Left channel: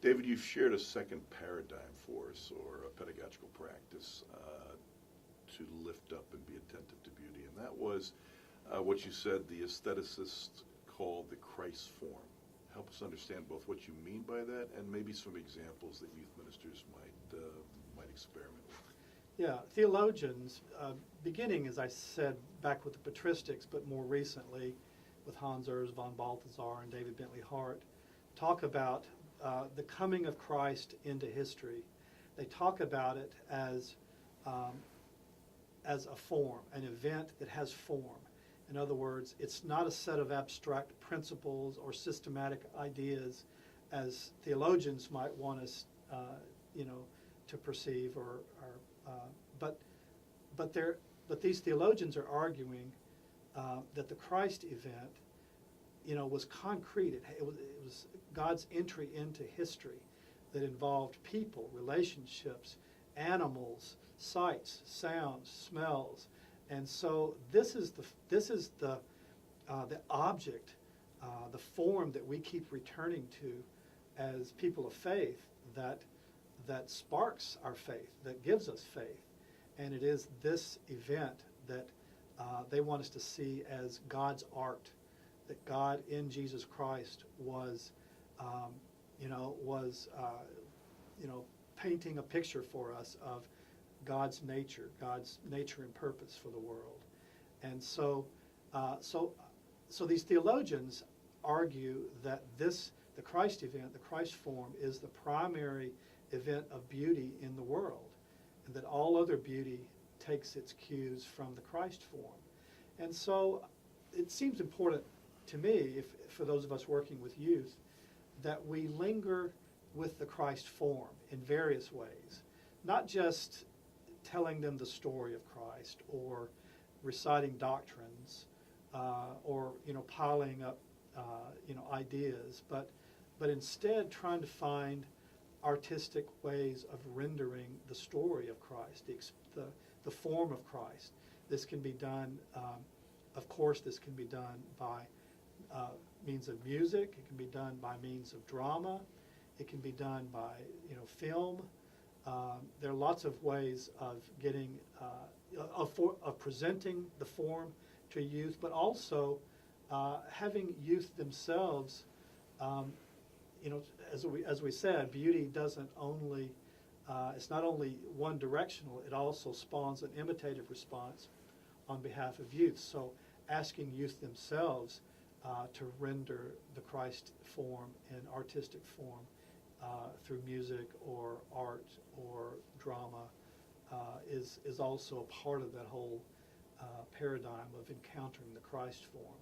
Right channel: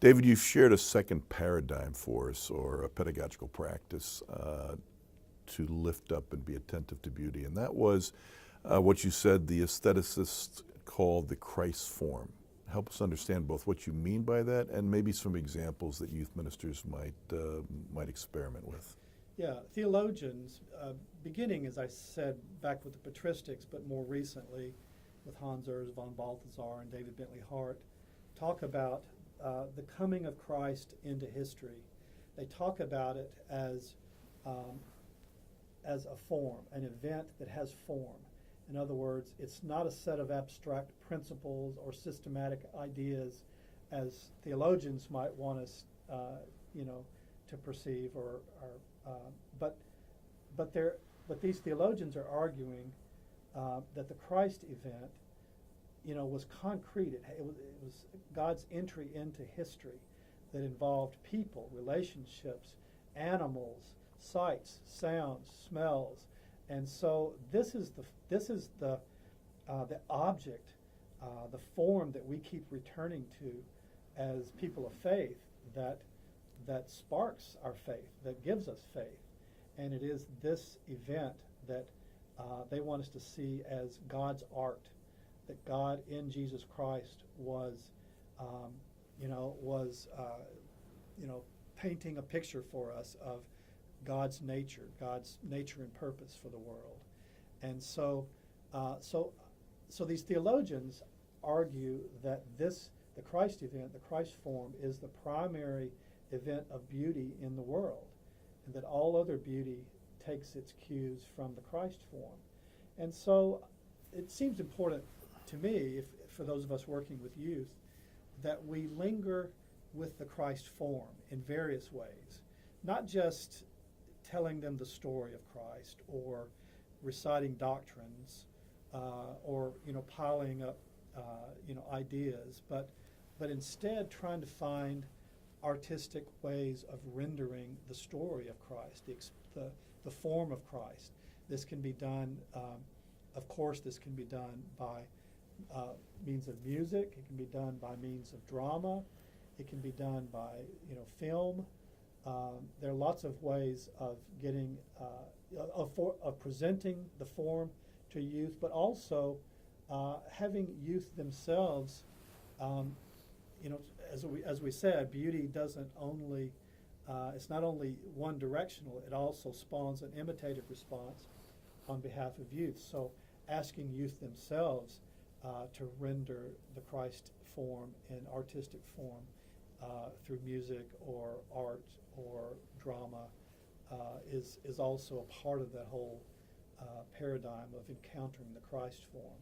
David, you've shared a second paradigm for us, or a pedagogical practice to lift up and be attentive to beauty, and that was what you said the aestheticists called the Christ form. Help us understand both what you mean by that and maybe some examples that youth ministers might experiment with. Yeah, theologians, beginning, as I said, back with the patristics, but more recently with Hans Urs von Balthasar and David Bentley Hart, talk about the coming of Christ into history. They talk about it as a form, an event that has form. In other words, it's not a set of abstract principles or systematic ideas as theologians might want us, to perceive, but these theologians are arguing that the Christ event, was concrete. It was God's entry into history that involved people, relationships, animals, sights, sounds, smells. And so this is the object, the form that we keep returning to as people of faith that sparks our faith, that gives us faith. And it is this event that they want us to see as God's art, that God in Jesus Christ was painting a picture for us of God's nature and purpose for the world. And so these theologians argue that the Christ event, the Christ form, is the primary event of beauty in the world, and that all other beauty takes its cues from the Christ form. And so it seems important to me, for those of us working with youth, that we linger with the Christ form in various ways, not just telling them the story of Christ or reciting doctrines or piling up ideas, but instead trying to find artistic ways of rendering the story of Christ, the form of Christ. This can be done, of course, this can be done by means of music. It can be done by means of drama. It can be done by film. There are lots of ways of getting of presenting the form to youth, but also having youth themselves. As we said, beauty doesn't only it's not only one directional. It also spawns an imitative response on behalf of youth. So asking youth themselves to render the Christ form in artistic form through music or art or drama is also a part of that whole paradigm of encountering the Christ form.